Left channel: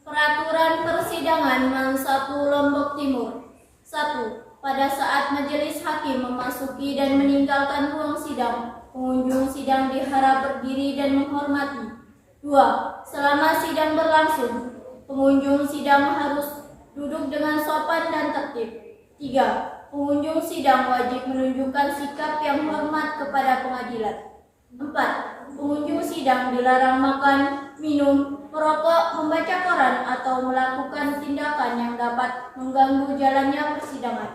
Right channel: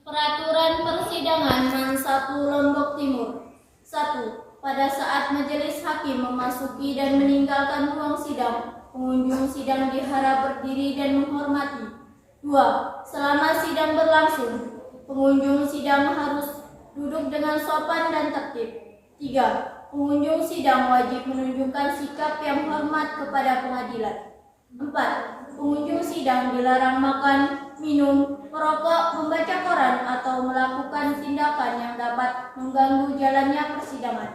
Peraturan persidangan Mang 1 Lombok Timur. 1. Pada saat majelis hakim memasuki dan meninggalkan ruang sidang, pengunjung sidang diharap berdiri dan menghormati. 2. Selama sidang berlangsung, pengunjung sidang harus duduk dengan sopan dan tertib. 3. Pengunjung sidang wajib menunjukkan sikap yang hormat kepada pengadilan. 4. Pengunjung sidang dilarang makan, minum, merokok, membaca koran, atau melakukan tindakan yang dapat mengganggu jalannya persidangan.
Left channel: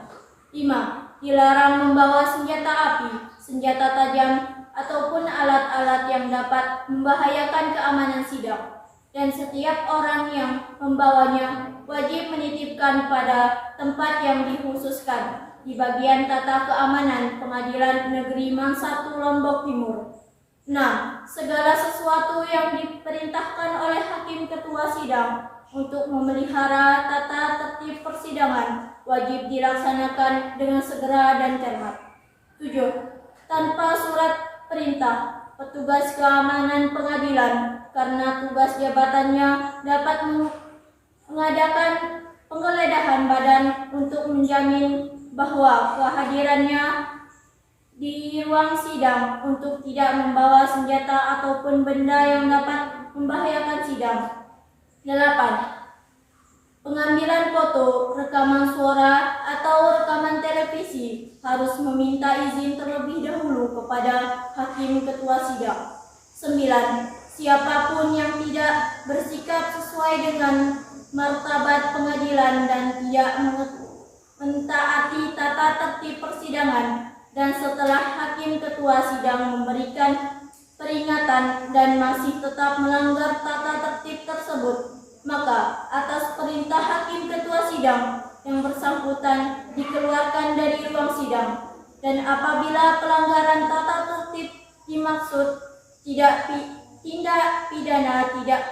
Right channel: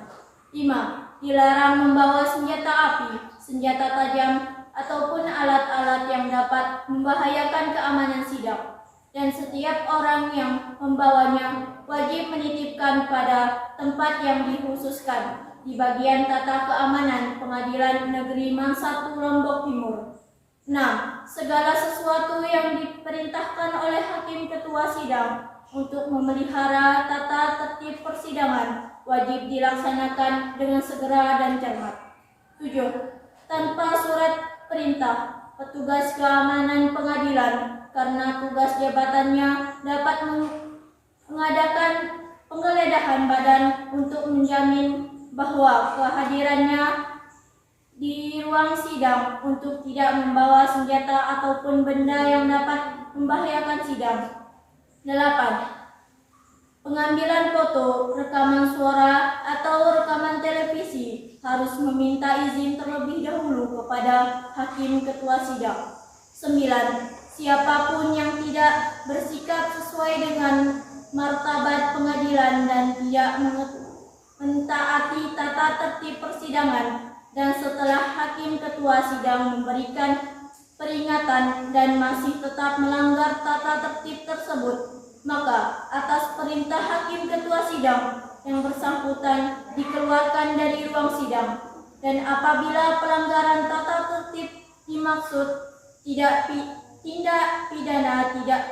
5. Dilarang membawa senjata api, senjata tajam, ataupun alat-alat yang dapat membahayakan keamanan sidang. Dan setiap orang yang membawanya wajib menitipkan pada tempat yang dikhususkan di bagian tata keamanan Pengadilan Negeri Mang 1 Lombok Timur. 6. Segala sesuatu yang diperintahkan oleh Hakim Ketua Sidang untuk memelihara tata tertib persidangan wajib dilaksanakan dengan segera dan cermat. 7. Tanpa surat perintah, petugas keamanan pengadilan karena tugas jabatannya dapat mengadakan penggeledahan badan untuk menjamin bahwa kehadirannya di ruang sidang untuk tidak membawa senjata ataupun benda yang dapat membahayakan sidang. 8. Pengambilan foto, rekaman suara, atau rekaman televisi harus meminta izin terlebih dahulu kepada Hakim Ketua Sidang. 9. Siapapun yang tidak bersikap sesuai dengan martabat pengadilan dan tidak mentaati tata tertib persidangan dan setelah Hakim Ketua Sidang memberikan peringatan dan masih tetap melanggar tata tertib tersebut, maka atas perintah Hakim Ketua Sidang yang bersangkutan dikeluarkan dari ruang sidang. Dan apabila pelanggaran tata tertib dimaksud tindak pidana tidak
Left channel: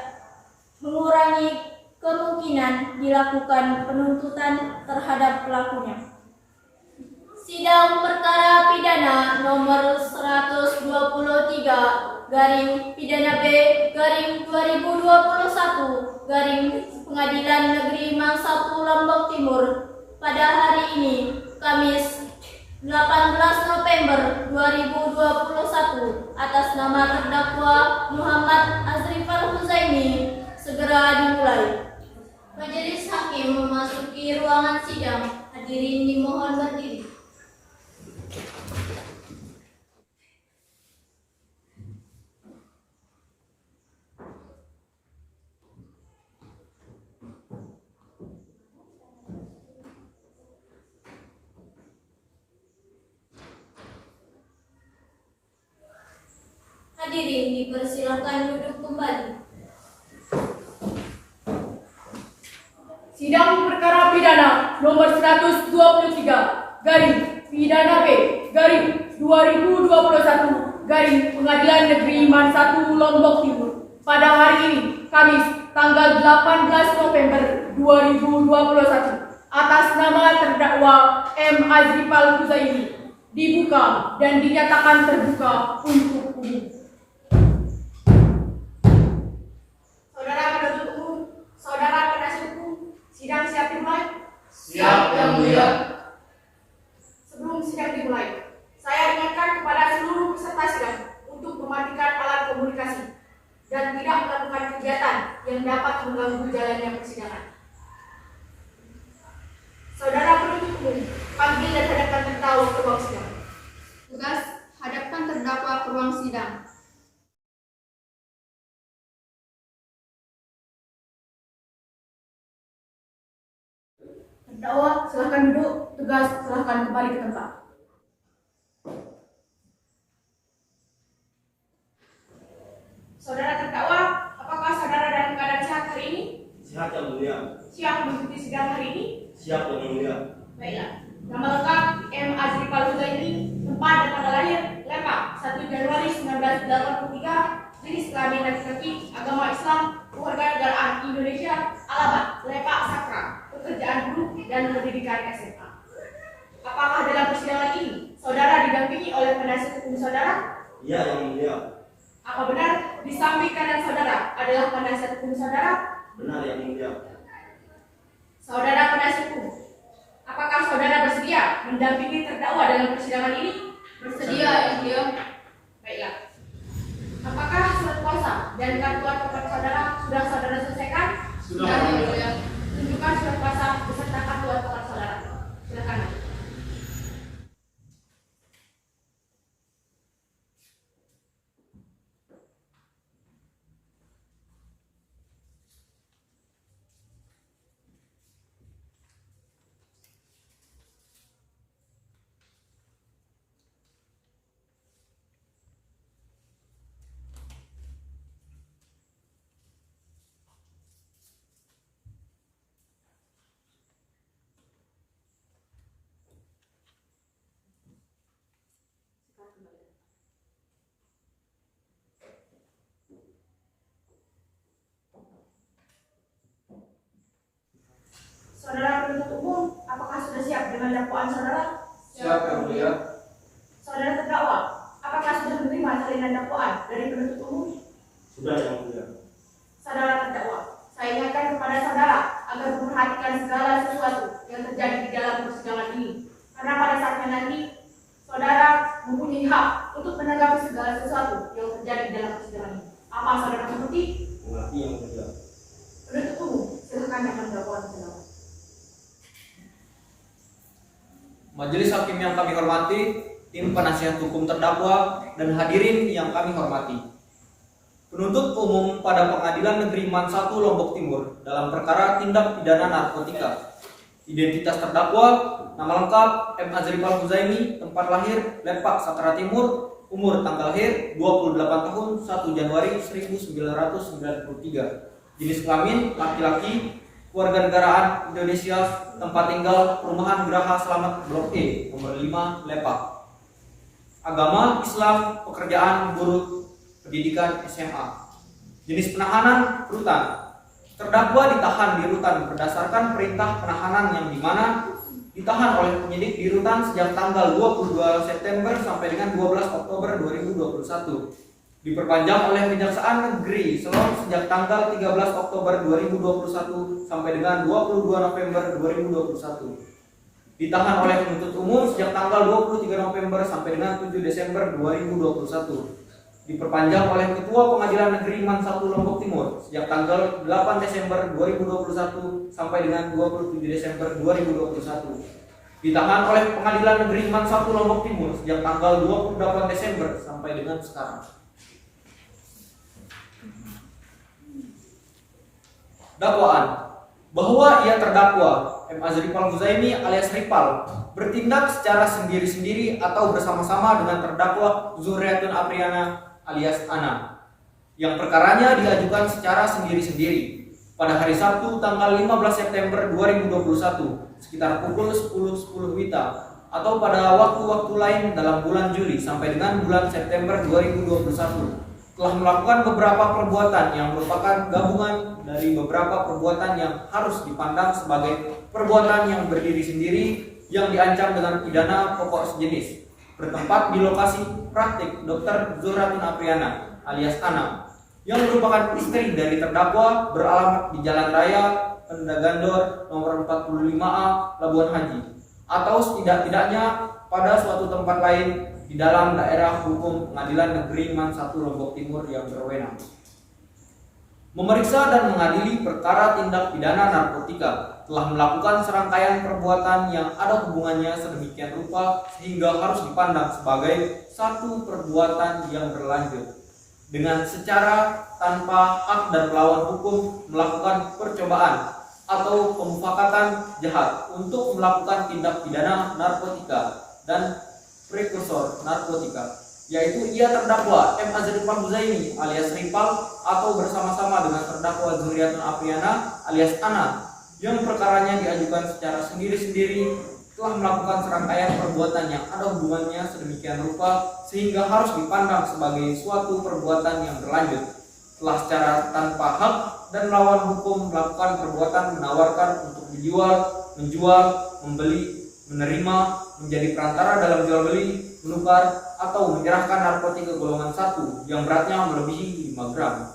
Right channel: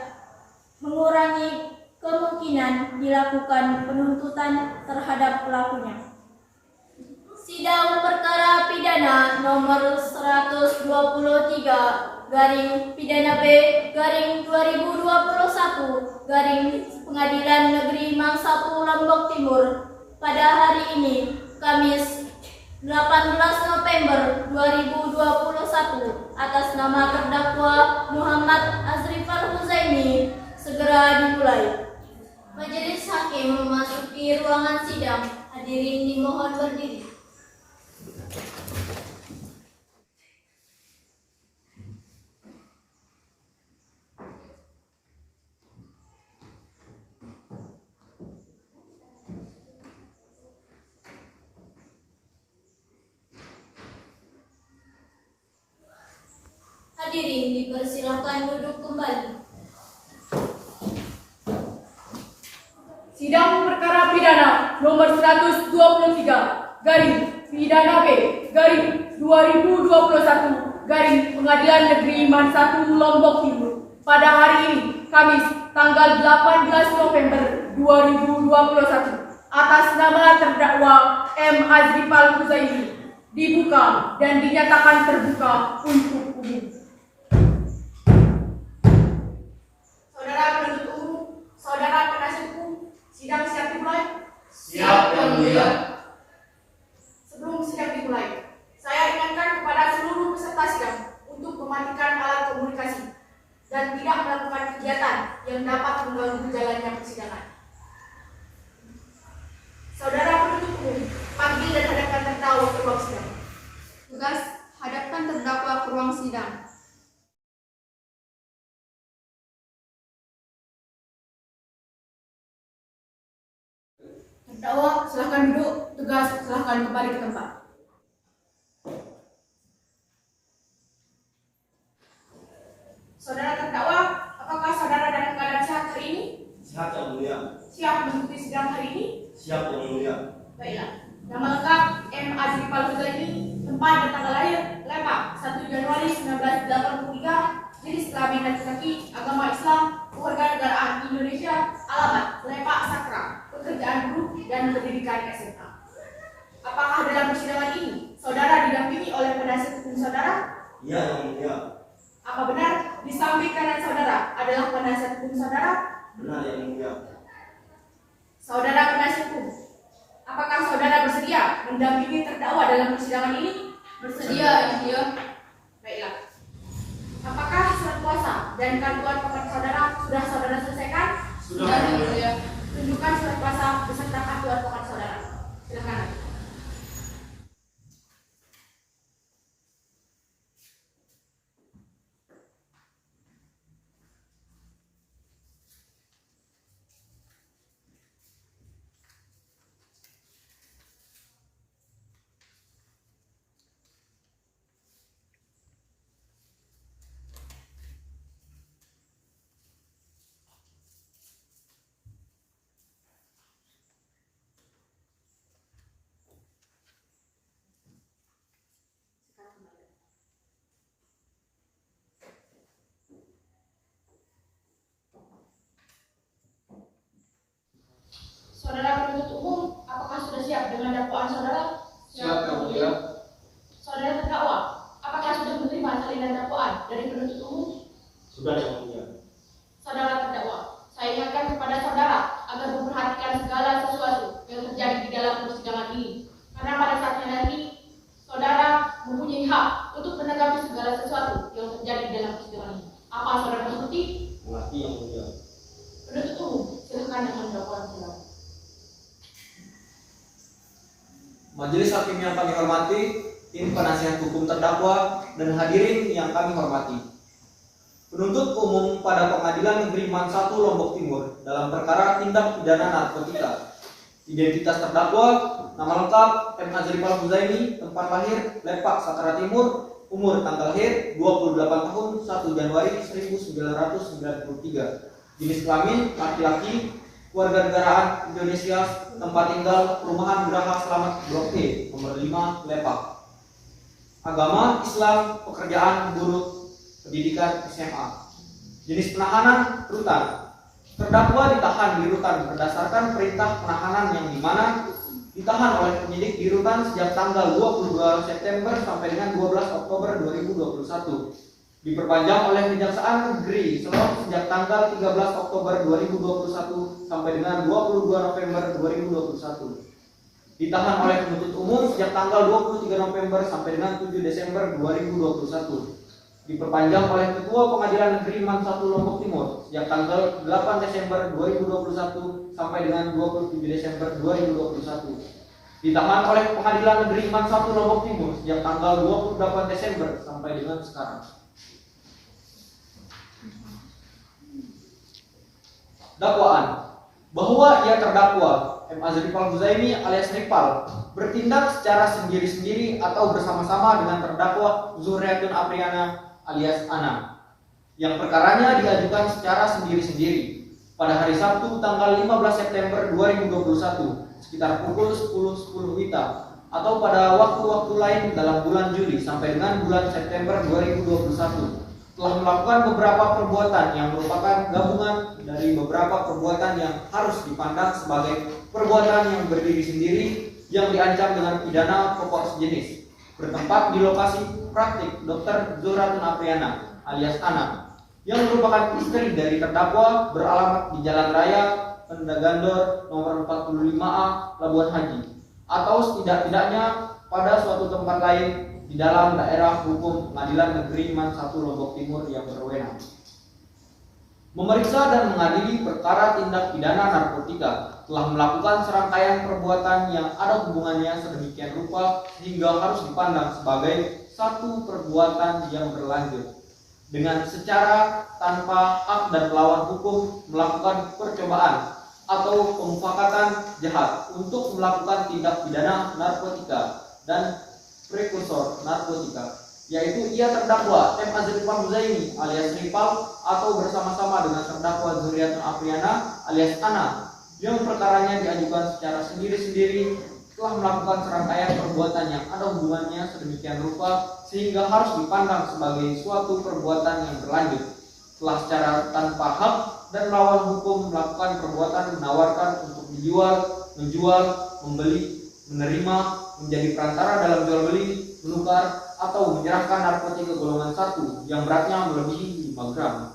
mengurangi kemungkinan dilakukan penuntutan terhadap pelakunya. Sidang Perkara Pidana Nomor 123 garing Pidana B garing 2021 garing Pengadilan Negeri Mang 1 Lombok Timur pada hari ini, Kamis 18 November 2021 atas nama terdakwa Muhammad Azrifal Huzaimi segera dimulai. Majelis Hakim memasuki ruangan sidang. Hadirin dimohon berdiri. Hadirin dipersilakan duduk kembali. Sidang Perkara Pidana Nomor 123 garing Pidana B garing 2021 garing Pengadilan Negeri Mang 1 Lombok Timur pada hari ini, Kamis tanggal 18 November 2021 atas nama terdakwa M. Azrifal Huzaimi dibuka dan dinyatakan terbuka untuk umum. Saudara penuntut umum, saudara penasihat hukum, sidang siap dimulai? Siap, Yang Mulia. Sebelum sidang dimulai, saya ingatkan kepada seluruh peserta sidang untuk mematikan alat komunikasi dan tidak melakukan kegiatan yang dapat mengganggu jalannya persidangan. Saudara penuntut umum, panggil dan hadapkan terdakwa ke ruang sidang. Tugas, hadapkan terdakwa ke ruang sidang. Terdakwa, silakan duduk. Tugas, silakan kembali ke tempat. Saudara terdakwa, apakah saudara dalam keadaan sehat hari ini? Siap, Yang Mulia. Siap mengikuti sidang hari ini? Siap, Yang Mulia. Baiklah. Nama lengkap M. Azrifal Huzaimi, tempat dan tanggal lahir Lepak 1 Januari 1983, jenis kelamin laki-laki, agama Islam, kewarganegaraan Indonesia, alamat Lepak Sakra, pekerjaan guru dan pendidikan SMA. Apakah dalam persidangan ini saudara didampingi oleh penasihat hukum saudara? Iya, Yang Mulia. Apa benar di samping kanan saudara adalah penasihat hukum saudara? Benar yang mulia. Saudara penasihat hukum, apakah saudara bersedia mendampingi terdakwa dalam persidangan ini? Bersedia yang mulia. Baiklah. Apakah surat kuasa dan bantuan pokok saudara sudah saudara selesaikan? Sudah. Yang mulia. Tunjukkan surat kuasa beserta bantuan pokok saudara. Silakan. Saudara penuntut umum, apakah sudah siap dengan dakwaan saudara? Siap yang mulia. Saudara terdakwa, apakah sudah menerima salinan dakwaan dari penuntut umum? Sudah yang mulia. Saudara terdakwa, saya ingatkan kepada saudara agar memperhatikan segala sesuatu yang terjadi di dalam persidangan ini. Karena pada saatnya nanti, saudara mempunyai hak untuk menanggapi segala sesuatu yang terjadi di dalam persidangan ini. Apa saudara mengerti? Mengerti yang mulia. Penuntut umum, silakan dengan dakwaan saudara. Majelis hakim yang kami hormati, tim penasihat hukum terdakwa, dan hadirin yang kami hormati. Penuntut umum pada Pengadilan Negeri Man 1 Lombok Timur dalam perkara tindak pidana narkotika. Identitas terdakwa, nama lengkap M. Azrifal Huzaimi, tempat lahir Lepak, Satara Timur, umur tanggal lahir 28 tahun 1 Januari 1993. Jenis kelamin laki-laki, warga negaraan Indonesia, tempat tinggal perumahan Geraha Selamat Blok E, nomor 5, Lepak. Agama Islam, pekerjaan guru pendidikan SMA. Jenis penahanan rutan. Terdakwa ditahan di rutan berdasarkan perintah penahanan yang dimana ditahan oleh penyidik di rutan sejak tanggal 22 September sampai dengan 12 Oktober 2021. Diperpanjang oleh Kejaksaan Negeri Selong sejak tanggal 13 Oktober 2021 sampai dengan 22 November 2021. Ditahan oleh penuntut umum sejak tanggal 23 November sampai dengan 7 Desember 2021. Diperpanjang oleh Ketua Pengadilan Negeri Man 1 Lombok Timur sejak tanggal 8 Desember 2021 sampai dengan 27 Desember 2021. Ditahan oleh Pengadilan Negeri Man 1 Lombok Timur sejak tanggal 28 Desember sampai dengan sekarang. Dakwaan bahwa ia terdakwa M. Azrifal Huzaimi alias Ripal bertindak secara sendiri-sendiri atau bersama-sama dengan terdakwa Zuriatun Apriana alias Ana yang perkaranya diajukan secara sendiri-sendiri pada hari Sabtu tanggal 15 September 2021 sekitar pukul 10.10 WITA atau pada waktu-waktu lain dalam bulan Juli sampai dengan bulan September 2021 telah melakukan beberapa perbuatan yang merupakan gabungan dari beberapa perbuatan yang harus dipandang sebagai perbuatan yang berdiri sendiri yang diancam dengan pidana pokok sejenis, bertempat di lokasi praktik Dr. Zuriatun Apriana alias Ana yang merupakan istri dari terdakwa beralamat di Jalan Raya Pendagandor nomor 45A Labuan Haji atau setidak-tidaknya pada suatu tempat lain di dalam daerah hukum Pengadilan Negeri Man 1 Lombok Timur yang berwenang. Memeriksa dan mengadili perkara tindak pidana narkotika telah melakukan serangkaian perbuatan yang ada hubungannya sedemikian rupa sehingga harus dipandang sebagai satu perbuatan yang berlanjut dengan secara tanpa hak dan melawan hukum melakukan percobaan atau pemufakatan jahat untuk melakukan tindak pidana narkotika dan prekursor narkotika, yaitu ia terdakwa M. Azrifal Huzaimi alias Ripal atau bersama-sama dengan terdakwa Zuriatun Apriana alias Ana yang perkaranya diajukan secara sendiri-sendiri telah melakukan serangkaian perbuatan yang ada hubungannya sedemikian rupa sehingga harus dipandang sebagai suatu perbuatan yang berlanjut telah secara tanpa hak dan melawan hukum melakukan perbuatan menawarkan untuk dijual, menjual, membeli, menerima, menjadi perantara dalam jual beli, menukar, atau menyerahkan narkotika golongan 1 yang beratnya melebihi 5 gram.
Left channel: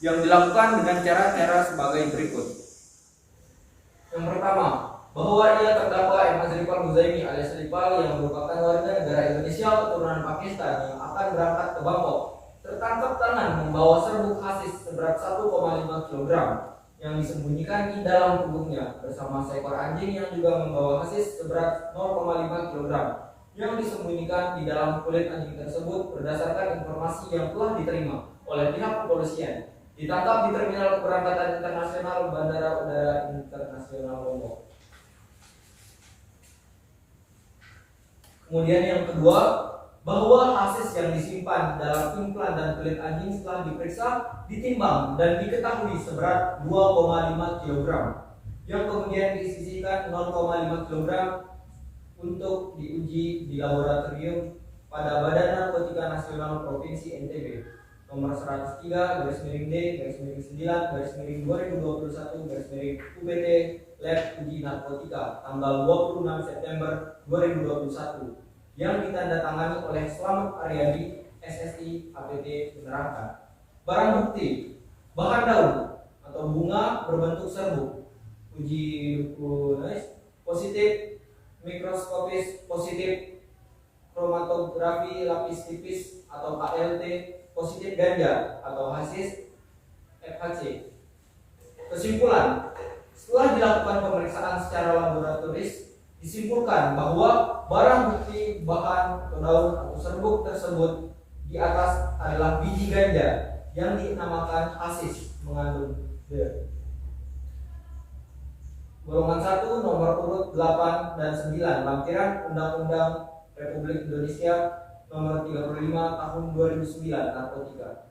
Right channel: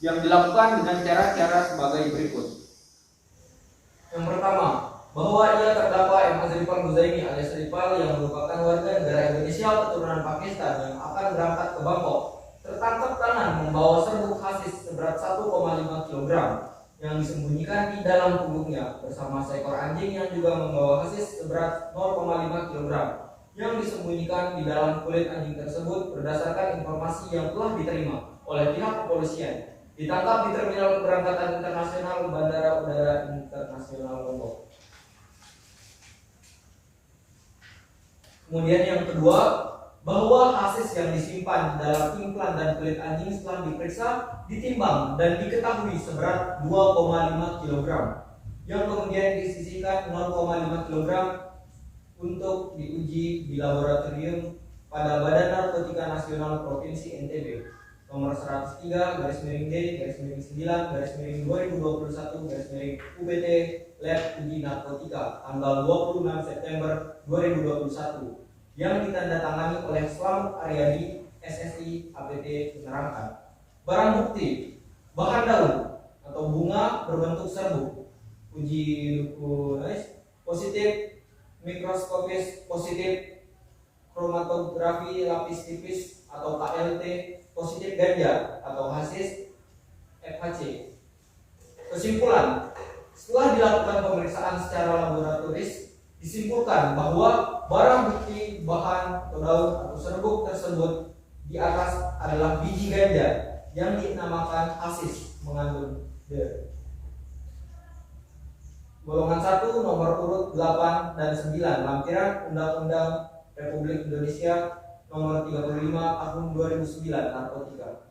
yang dilakukan dengan cara-cara sebagai berikut. Yang pertama, bahwa ia terdakwa M. Azrifal Huzaimi alias Ripal yang merupakan warga negara Indonesia keturunan Pakistan yang akan berangkat ke Bangkok tertangkap tangan membawa serbuk hasis seberat 1,5 kg yang disembunyikan di dalam punggungnya bersama seekor anjing yang juga membawa hasis seberat 0,5 kg yang disembunyikan di dalam kulit anjing tersebut berdasarkan informasi yang telah diterima oleh pihak kepolisian. Ditangkap di Terminal Keberangkatan Internasional Bandara Udara Internasional Lombok. Kemudian yang kedua, bahwa hasis yang disimpan dalam implan dan kulit anjing setelah diperiksa, ditimbang dan diketahui seberat 2,5 kg yang kemudian disisihkan 0,5 kg untuk diuji di laboratorium pada Badan Narkotika Nasional Provinsi NTB nomor 103/9/9/2021/UBT Lab Uji Narkotika tanggal 26 September 2021 yang ditandatangani oleh Slamet Aryadi SSI APT menerangkan barang bukti bahan daun atau bunga berbentuk serbuk uji lukunis positif mikroskopis positif kromatografi lapis tipis atau KLT positif ganja atau hasis FHC. Kesimpulan, setelah dilakukan pemeriksaan secara laboratoris, disimpulkan bahwa barang bukti bahan atau daun atau serbuk tersebut di atas adalah biji ganja yang dinamakan hasis mengandung golongan 1 nomor urut 8 dan 9 lampiran Undang-Undang Republik Indonesia nomor 35 tahun 2009 narkotika.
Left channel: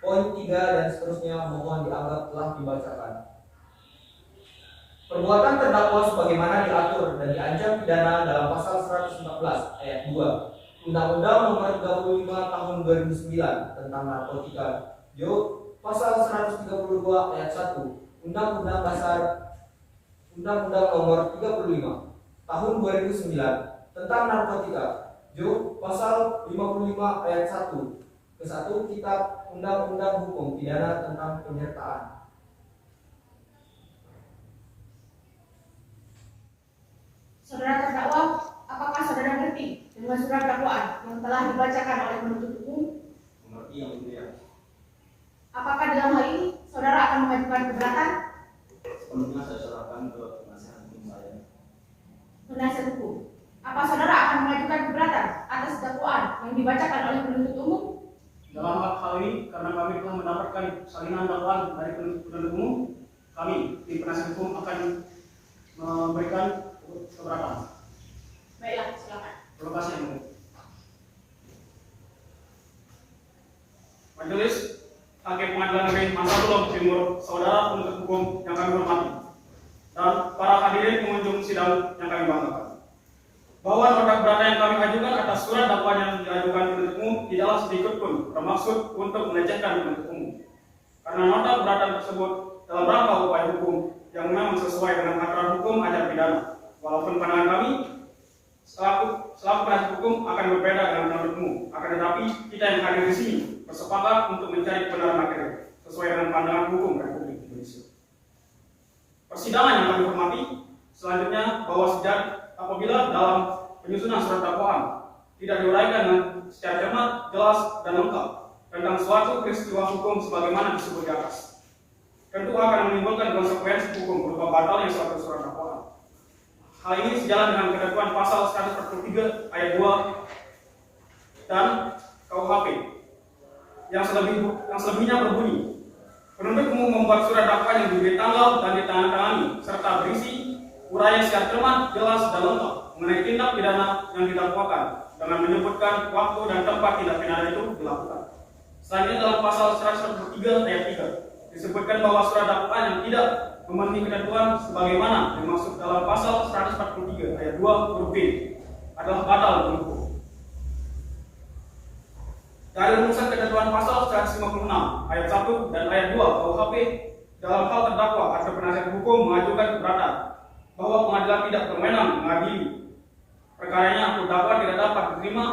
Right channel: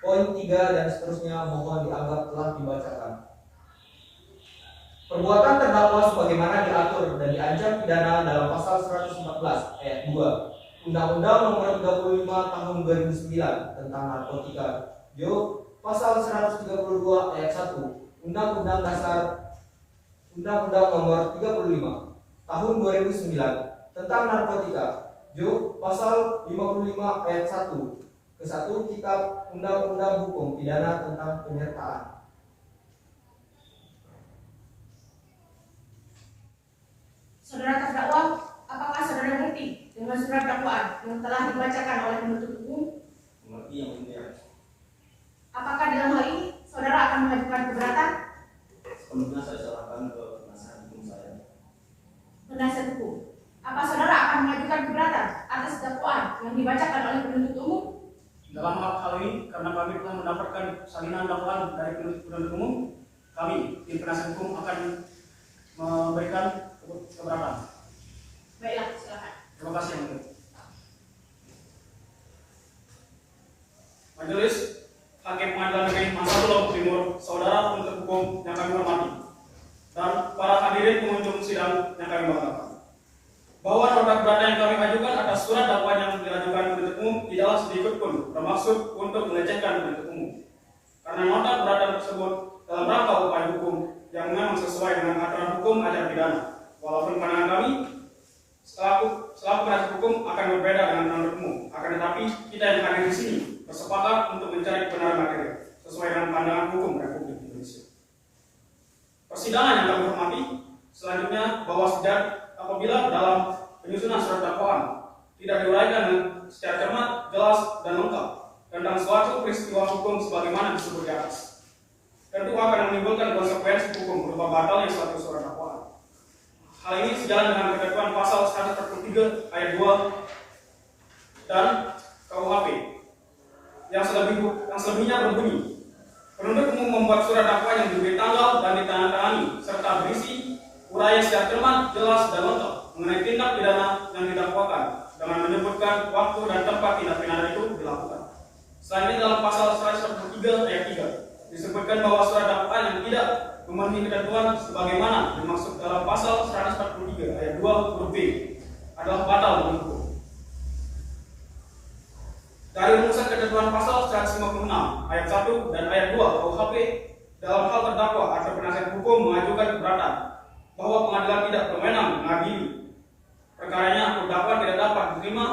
Poin 3 dan seterusnya mohon dianggap telah dibacakan. Perbuatan terdakwa sebagaimana diatur dan diancam pidana dalam pasal 114 ayat 2 Undang-Undang nomor 35 tahun 2009 tentang narkotika. Pasal 132 ayat 1 Undang-Undang Dasar Undang-Undang nomor 35 tahun 2009 tentang narkotika. Pasal 55 ayat 1 ke 1 Kitab Undang-Undang Hukum Pidana tentang penyertaan. Saudara terdakwa, apakah saudara mengerti dengan surat dakwaan yang telah dibacakan oleh penuntut umum? Mengerti yang mulia. Apakah dalam hal ini saudara akan mengajukan keberatan? Sepenuhnya saya serahkan ke penasihat hukum saya. Penasihat hukum, apa saudara akan mengajukan keberatan atas dakwaan yang dibacakan oleh penuntut umum? Dalam hal ini, karena kami telah mendapatkan salinan dakwaan dari penuntut umum, kami tim penasihat hukum akan memberikan keberatan. Baiklah, silakan. Terima kasih yang mulia. Majelis Hakim Pengadilan Negeri Mangsa Lombok Timur, saudara penuntut hukum yang kami hormati, dan para hadirin pengunjung sidang yang kami banggakan, bahwa nota keberatan yang kami ajukan atas surat dakwaan yang diajukan penuntut umum tidaklah sedikit pun bermaksud untuk melecehkan penuntut umum, karena nota keberatan tersebut dalam rangka upaya hukum yang memang sesuai dengan aturan hukum acara pidana. Walaupun pandangan kami selaku penasihat hukum akan berbeda dengan penuntut umum, akan tetapi kita yang hadir di sini bersepakat untuk mencari kebenaran material sesuai dengan pandangan hukum Republik Indonesia. Persidangan yang kami hormati, selanjutnya bahwa apabila dalam penyusunan surat dakwaan tidak diuraikan secara cermat, jelas dan lengkap tentang suatu peristiwa hukum sebagaimana disebut di atas, tentu akan menimbulkan konsekuensi hukum berupa batalnya suatu surat dakwaan. Hal ini sejalan dengan ketentuan pasal 143 ayat 2 dan KUHP yang selebihnya berbunyi, penuntut umum membuat surat dakwaan yang diberi tanggal dan ditandatangani serta berisi uraian secara cermat, jelas dan lengkap mengenai tindak pidana yang didakwakan dengan menyebutkan waktu dan tempat tindak pidana itu dilakukan. Selanjutnya dalam pasal 143 ayat 3 disebutkan bahwa surat dakwaan yang tidak memenuhi ketentuan sebagaimana dimaksud dalam pasal 143 ayat 2 huruf B adalah batal demi hukum. Dari rumusan ketentuan pasal 156 ayat 1 dan ayat 2 KUHP, dalam hal terdakwa atau penasihat hukum mengajukan keberatan bahwa pengadilan tidak berwenang mengadili perkaranya atau dakwaan tidak dapat diterima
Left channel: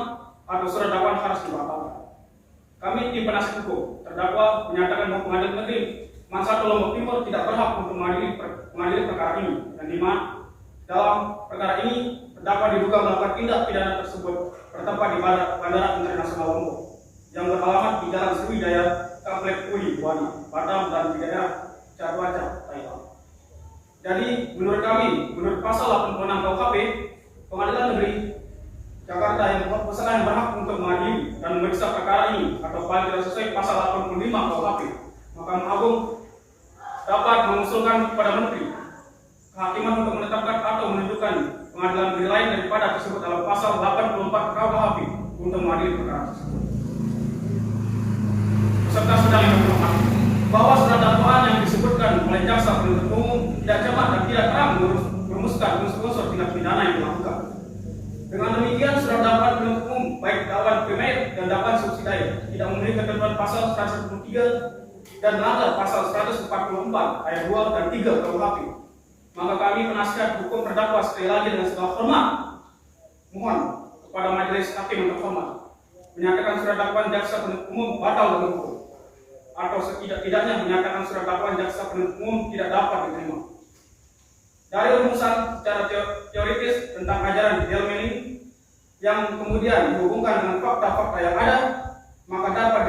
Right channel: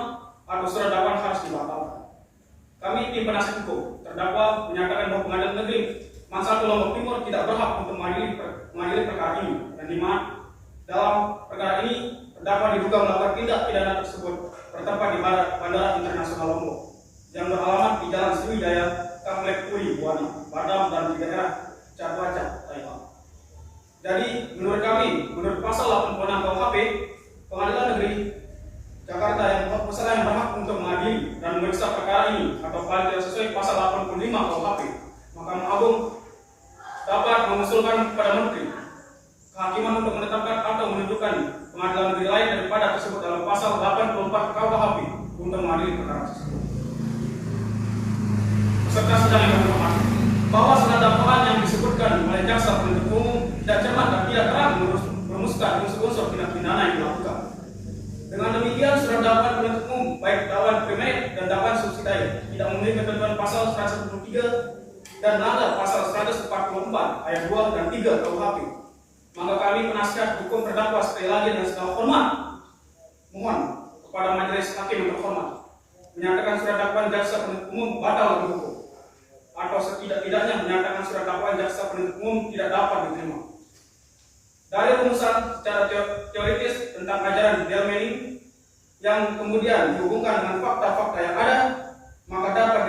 atau surat dakwaan harus dibatalkan. Kami tim penasihat hukum terdakwa menyatakan bahwa Pengadilan Negeri Man 1 Lombok Timur tidak berhak untuk mengadili perkara ini, dan di mana dalam perkara ini terdakwa diduga melakukan tindak pidana tersebut bertempat di Bandara Internasional Lombok yang beralamat di Jalan Sriwijaya, Komplek Puri, Buana, Batam, dan di daerah Catuaca, Thailand. Jadi menurut kami, menurut pasal 86 KUHP, Pengadilan Negeri Jakarta yang peserta yang berhak untuk mengadili dan memeriksa perkara ini atau paling tidak sesuai pasal 85 KUHP, Mahkamah Agung dapat mengusulkan kepada Menteri Kehakiman untuk menetapkan atau menunjukkan pengadilan negeri lain daripada tersebut dalam pasal 84 KUHP untuk mengadili perkara tersebut. Peserta sidang yang berhormat, bahwa surat dakwaan yang disebutkan oleh jaksa penuntut umum tidak cermat dan tidak terang merumuskan unsur-unsur tindak pidana yang dilakukan. Dengan demikian, surat dakwaan penuntut umum baik dakwaan primer dan dakwaan subsidiar tidak memenuhi ketentuan pasal 173 dan melanggar pasal 144 ayat 2 dan 3 KUHP. Maka kami penasihat hukum terdakwa sekali lagi dengan segala hormat mohon kepada majelis hakim yang terhormat menyatakan surat dakwaan jaksa penuntut umum batal demi hukum, atau setidak-tidaknya menyatakan surat dakwaan jaksa penuntut umum tidak dapat diterima. Dari rumusan secara teoritis tentang ajaran Delmening yang kemudian dihubungkan dengan fakta-fakta yang ada, maka dapat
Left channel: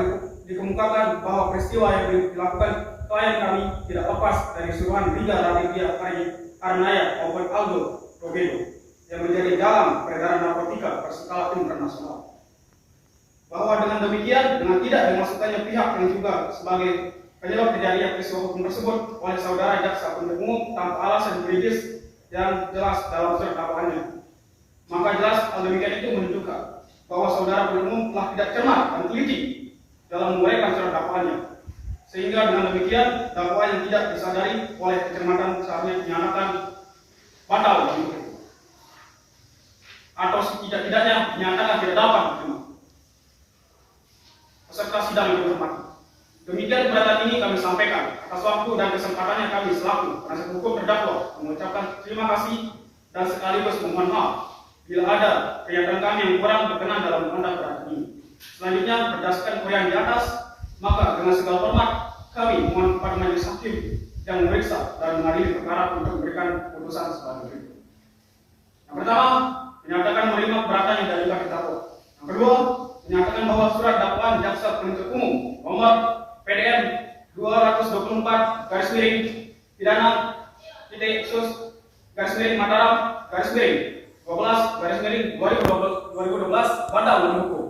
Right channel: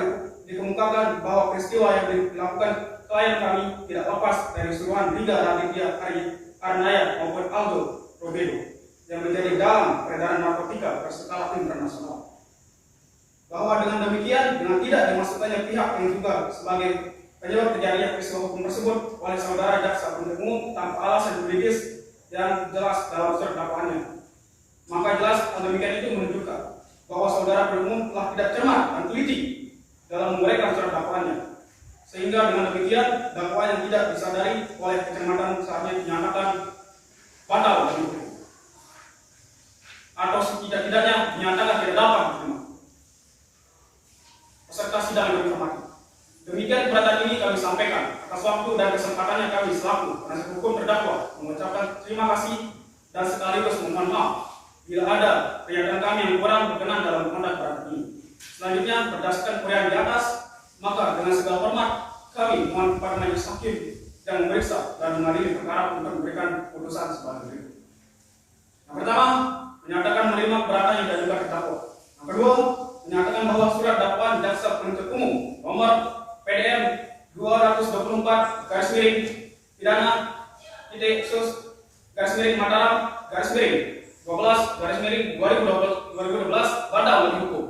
dikemukakan bahwa peristiwa yang dilakukan klien kami tidak lepas dari suruhan Riga Raditya Arnaya maupun Aldo Robedo yang menjadi dalam peredaran narkotika berskala internasional. Bahwa dengan demikian, dengan tidak dimasukkannya pihak yang juga sebagai penyebab terjadinya peristiwa hukum tersebut oleh saudara jaksa penuntut umum tanpa alasan juridis yang jelas dalam surat dakwaannya, maka jelas hal demikian itu menunjukkan bahwa saudara penuntut umum telah tidak cermat dan teliti dalam menguraikan surat dakwaannya, sehingga dengan demikian dakwaan yang tidak disadari oleh kecermatan seharusnya dinyatakan batal atau setidak-tidaknya dinyatakan tidak dapat diterima. Peserta sidang yang berhormat, demikian keberatan ini kami sampaikan. Atas waktu dan kesempatannya kami selaku penasihat hukum terdakwa mengucapkan terima kasih dan sekaligus memohon maaf bila ada pernyataan kami yang kurang berkenan dalam menghadap keberatan ini. Selanjutnya, berdasarkan uraian di atas, maka dengan segala hormat kami mohon kepada majelis hakim yang memeriksa dan mengadili perkara untuk memberikan putusan sebagai berikut. Yang pertama, menyatakan menerima keberatan yang diajukan terdakwa. Yang kedua, menyatakan bahwa surat dakwaan jaksa penuntut umum nomor PDM 224 garis miring pidana titik sus garis miring Mataram garis miring 12 garis miring 2012 batal demi hukum,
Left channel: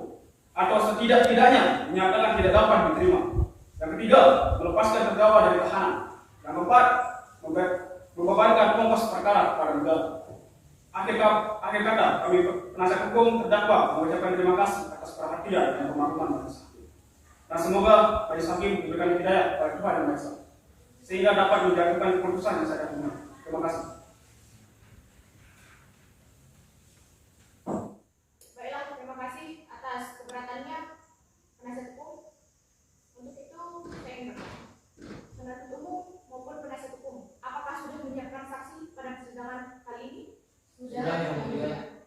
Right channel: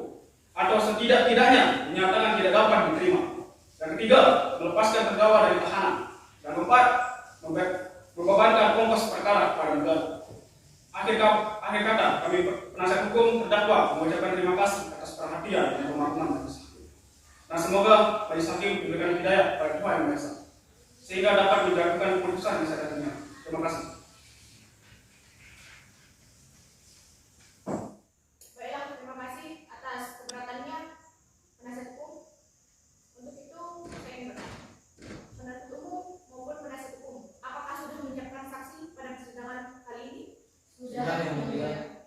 atau setidak-tidaknya dinyatakan tidak dapat diterima. Yang ketiga, melepaskan terdakwa dari tahanan. Yang keempat, membebankan ongkos perkara kepada negara. Akhir kata, kami penasihat hukum terdakwa mengucapkan terima kasih atas perhatian dan pemahaman majelis hakim. Dan semoga majelis hakim diberikan hidayah kepada Tuhan Yang Maha Esa, sehingga dapat menjatuhkan keputusan yang saya dengar. Terima kasih. Baiklah, terima kasih atas keberatannya penasihat hukum. Untuk itu, saya ingin bertanya, penasihat umum maupun penasihat hukum, apakah sudah menyiapkan saksi pada persidangan kali ini? Sudah, Yang mulia.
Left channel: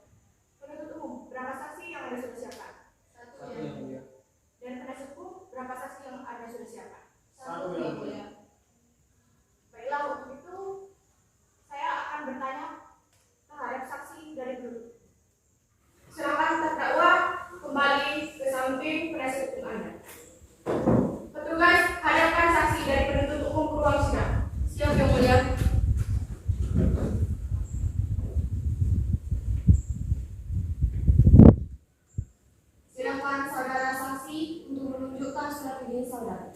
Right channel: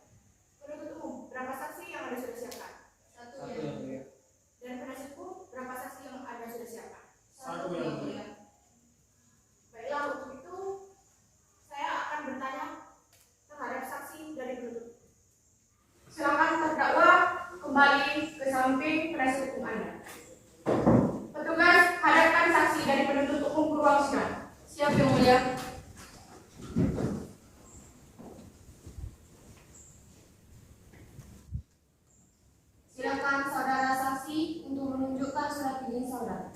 Penuntut umum, berapa saksi yang ada sudah siapkan? Satu Yang mulia. Dan penasihat hukum, berapa saksi yang ada sudah siapkan? Satu yang mulia. Baiklah, untuk itu saya akan bertanya terhadap saksi dari penuntut. Silakan terdakwa kembali ke samping penasihat hukum Anda. Petugas, hadapkan saksi dari penuntut umum ke ruang sidang. Siap yang mulia. Silakan saudara saksi untuk menunjukkan surat izin saudara.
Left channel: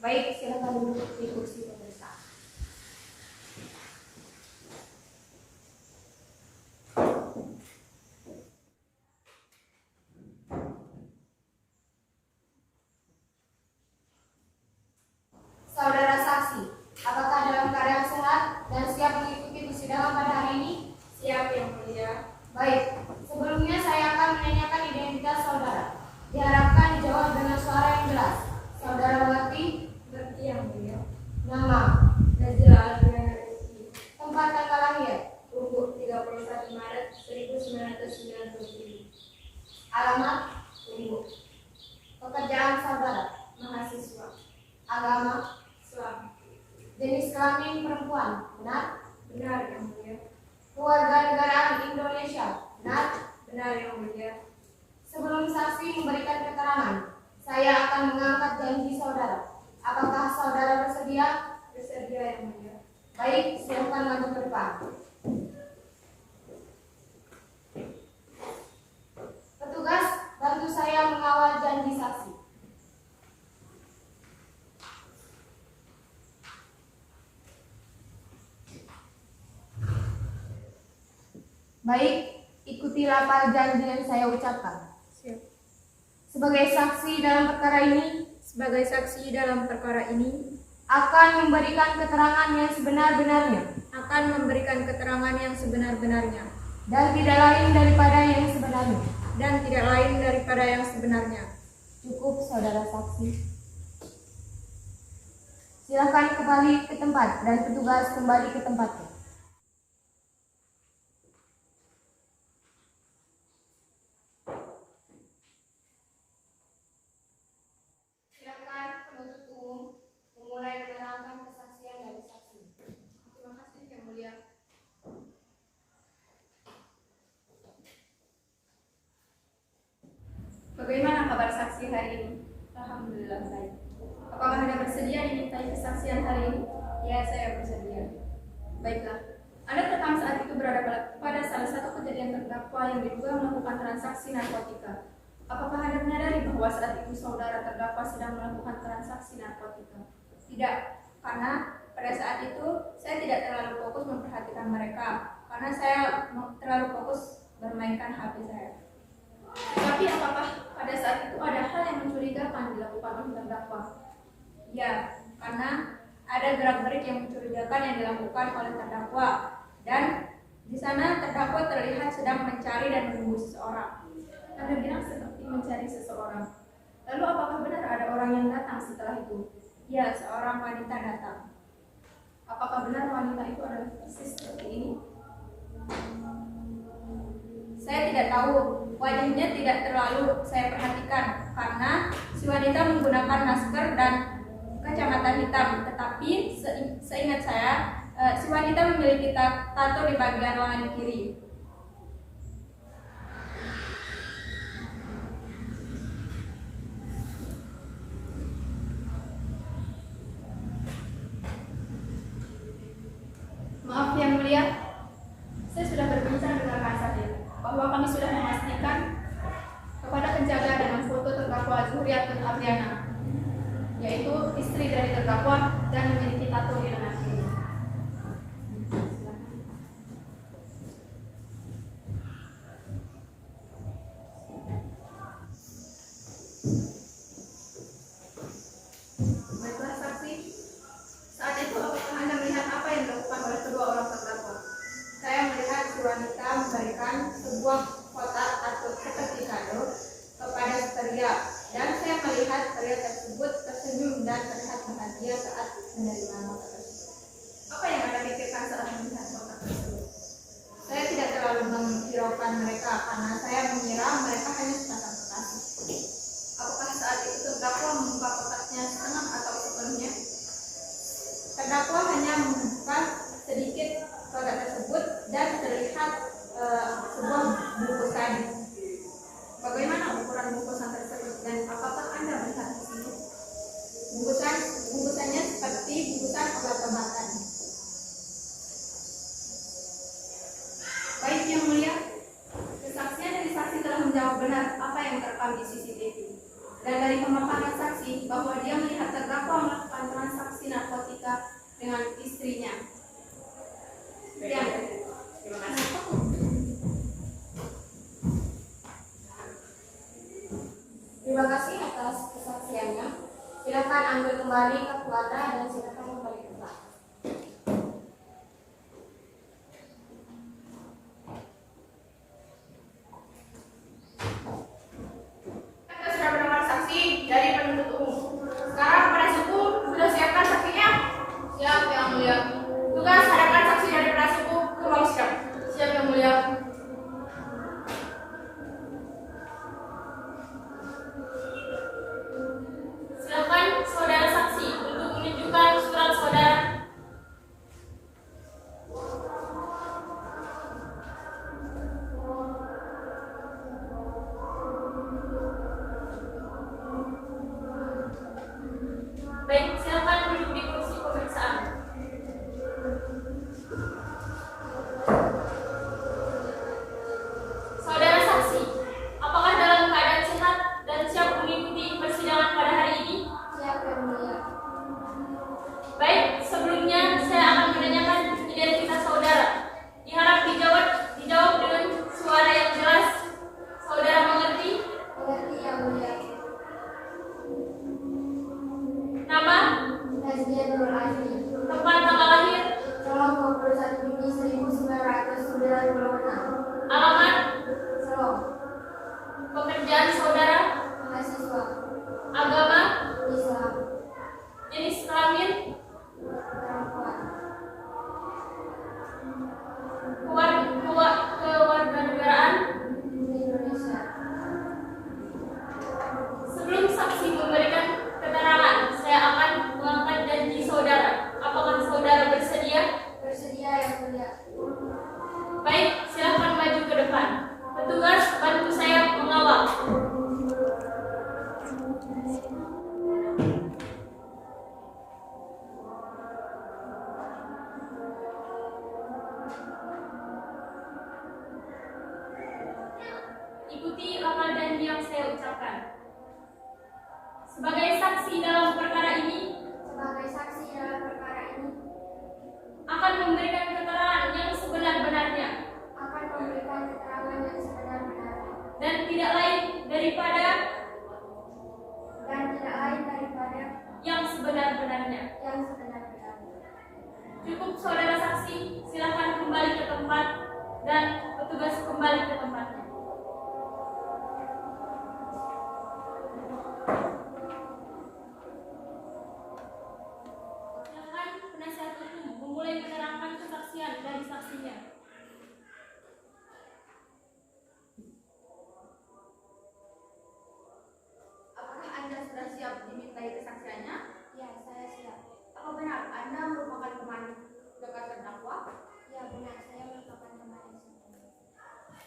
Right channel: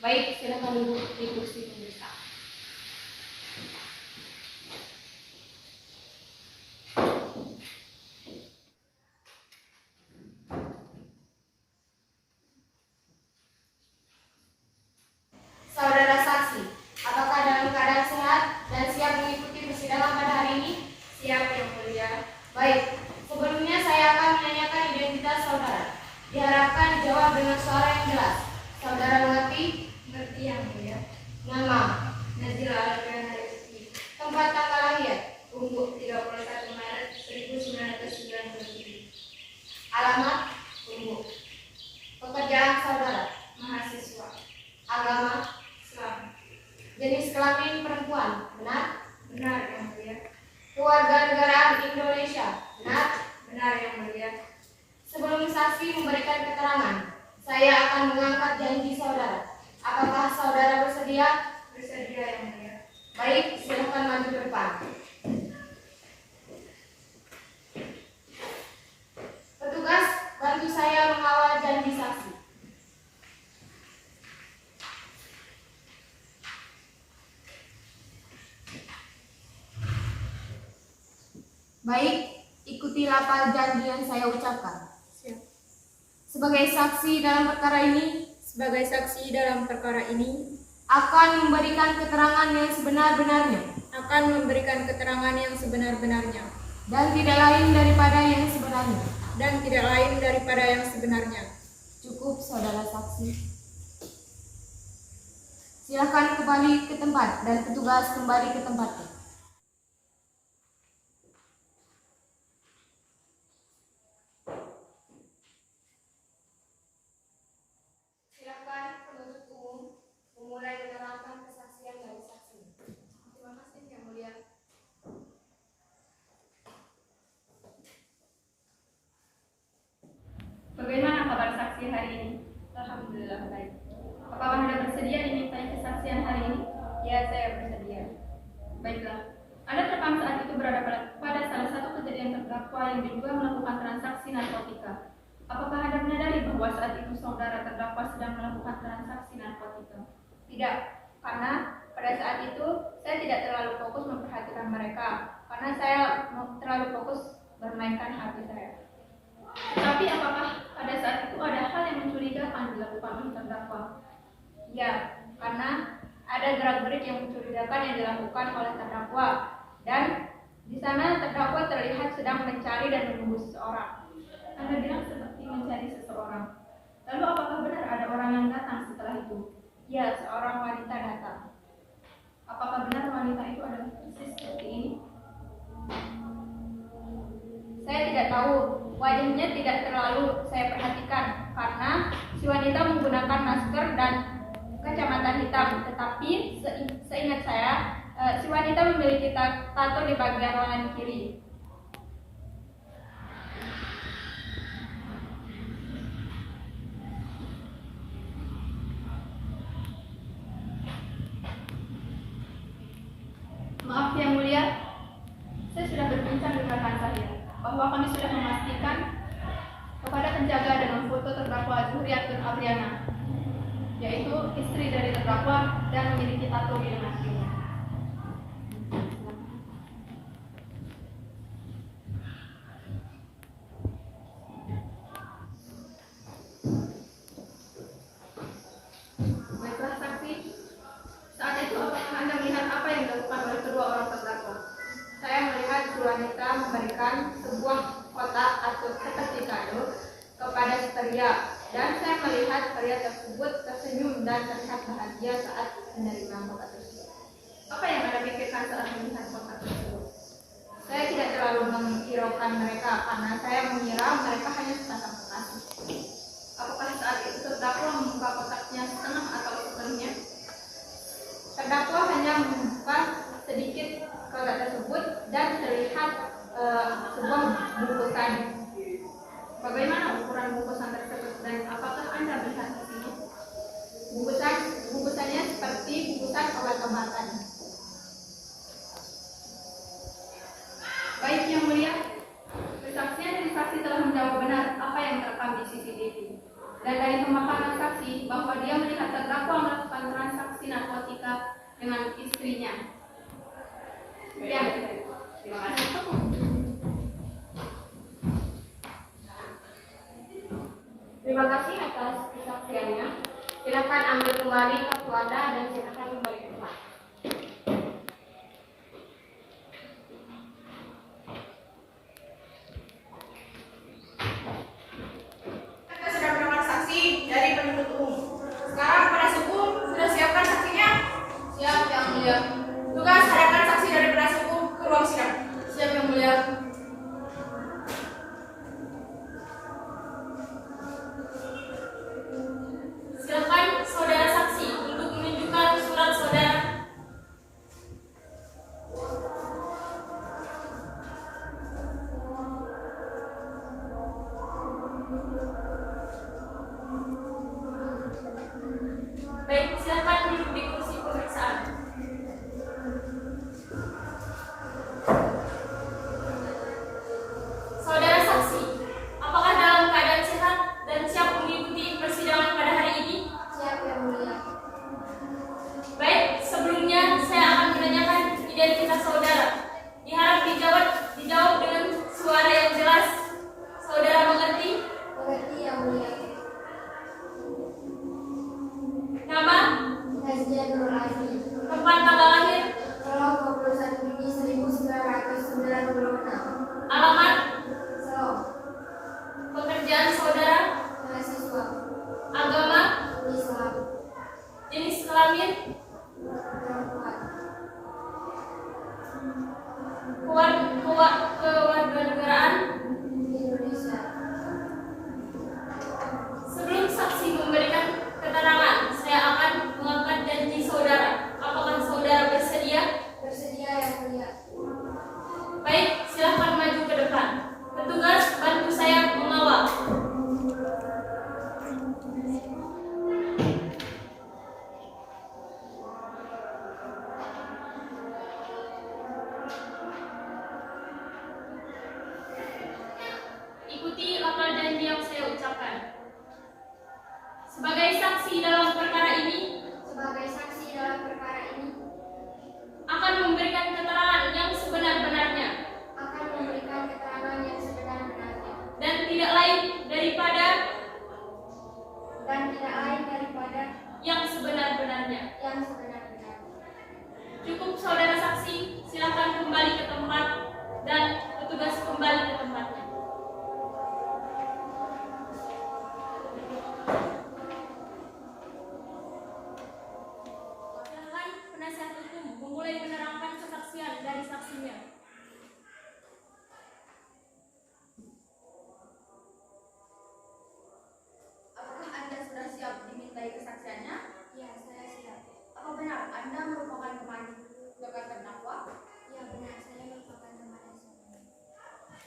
Baik, silakan duduk di kursi pemeriksa. Saudara saksi, apakah dalam keadaan sehat dan siap mengikuti persidangan pada hari ini? Siap yang mulia. Baik, sebelumnya saya akan menanyakan identitas saudara. Diharapkan dijawab dengan suara yang jelas. Saudara mengerti? Mengerti yang mulia. Alamat Ibu. Pekerjaan saudara mahasiswa. Agama Islam. Jenis kelamin perempuan. Benar? Benar yang mulia. Kewarganegaraan Indonesia. Benar? Benar yang mulia. Sebelum saksi memberikan keterangan, saya akan mengangkat janji saudara. Apakah saudara bersedia? Bersedia yang mulia. Baik, silakan maju ke depan. Petugas, bantu saya mengawal janji saksi. Baik, ikuti lafal janji yang saya ucapkan. Sebagai saksi dalam perkara ini, akan memberikan keterangan yang sebenar-benarnya, dan tidak lain daripada yang sebenarnya. Cukup, saudara saksi. Silakan kembali ke tempat dan petugas kembali ke tempatnya. Silakan penuntut umum memulai menerangkan kesaksian dari saksi. Terima kasih yang mulia. Bagaimana kabar saksi hari ini? Alhamdulillah baik. Apakah Anda bersedia dimintai kesaksian hari ini? Ya, saya bersedia. Baiklah. Anda terekam saat itu berada pada salah satu kejadian terdakwa yang diduga melakukan transaksi narkotika. Apakah Anda menyadari bahwa saat itu saudara terdakwa sedang melakukan transaksi narkotika? Tidak, karena pada saat itu saya tidak terlalu fokus memperhatikan mereka, karena saya terlalu fokus bermainkan HP saya. Tapi apakah pada saat itu ada hal yang mencurigakan dilakukan oleh terdakwa? Ya, karena ada gerak-gerik yang mencurigakan yang dilakukan oleh terdakwa, dan di sana terdakwa terlihat sedang mencari dan menunggu seseorang. Anda bilang seperti mencari seseorang. Lalu apakah benar ada orang yang datang setelah itu? Ya, seorang wanita datang. Apakah benar wanita itu adalah persis seperti ini? Saya tidak tahu, wajahnya tidak terlalu saya perhatikan karena si wanita menggunakan masker dan kacamata hitam. Tetapi seingat saya, si wanita memiliki tato di bagian lengan kiri. Maaf yang mulia, saya sudah berbincang dengan rekan saya bahwa kami sudah memastikan kepada penjaga dengan foto terdakwa Zuhriatun Apriana, yaitu istri dari terdakwa dan memiliki tato di lengan kiri. Baiklah saksi, saat itu apakah Anda melihat apa yang dilakukan oleh kedua orang terdakwa? Saya melihat si wanita memberikan sebuah kotak atau seperti kado kepada pria, dan saya melihat pria tersebut tersenyum dan terlihat bahagia saat menerima kotak tersebut. Apa yang Anda pikirkan saat melihat kotak tersebut? Saya tidak terlalu menghiraukan mereka karena saya mengira mereka hanya sepasang kekasih. Apakah saat itu terdakwa membuka kotaknya setengah atau sepenuhnya? Terdakwa hanya membuka sedikit kotak tersebut dan terlihat sebuah bungkusan. Bagaimana ukuran bungkusan tersebut dan apakah Anda melihat di sini? Bungkusannya seperti bungkusan obat-obatan. Baik yang mulia, kesaksian dari saksi telah menjawab benar apa yang terekam di CCTV. Dan dari pemaparan saksi bahwa dia melihat terdakwa melakukan transaksi narkotika dengan istrinya. Ya, terima kasih. Terima kasih atas kesaksiannya. Silakan ambil kembali kartu Anda dan silakan kembali ke tempat. Kita sudah mendengar saksi dari penuntut umum. Sekarang penasihat hukum sudah siapkan saksinya? Siap yang mulia. Tugas hadapkan saksi dari penasihat hukum ke ruang sidang. Siap yang mulia. Alamat, Solo, pekerjaan saudara, mahasiswa, agama, Islam, jenis kelamin, perempuan, kewarganegaraan. Indonesia. Sebelum saksi memberikan keterangan, saya akan mengangkat janji saudara. Apakah saudara bersedia? Bersedia yang mulia. Baik, silahkan maju ke depan. Petugas, bantu saya mengawal. Ikuti lafal janji yang saya ucapkan. Sebagai saksi dalam perkara ini, Sebagai saksi dalam perkara ini, akan memberikan keterangan yang sebenar-benarnya akan memberikan keterangan yang sebenar-benarnya dan tidak lain daripada yang sebenar-benarnya. Cukup saudara saksi, silakan kembali ke tempat dan petugas kembali ke tempatnya. Silakan penasihat hukum memulai menerangkan kesaksian dari saksinya. Apakah Anda sudah siap dimintai kesaksiannya? Ya, saya siap. Apa benar Anda merupakan teman dekat terdakwa? Ya, benar, saya merupakan teman SMA.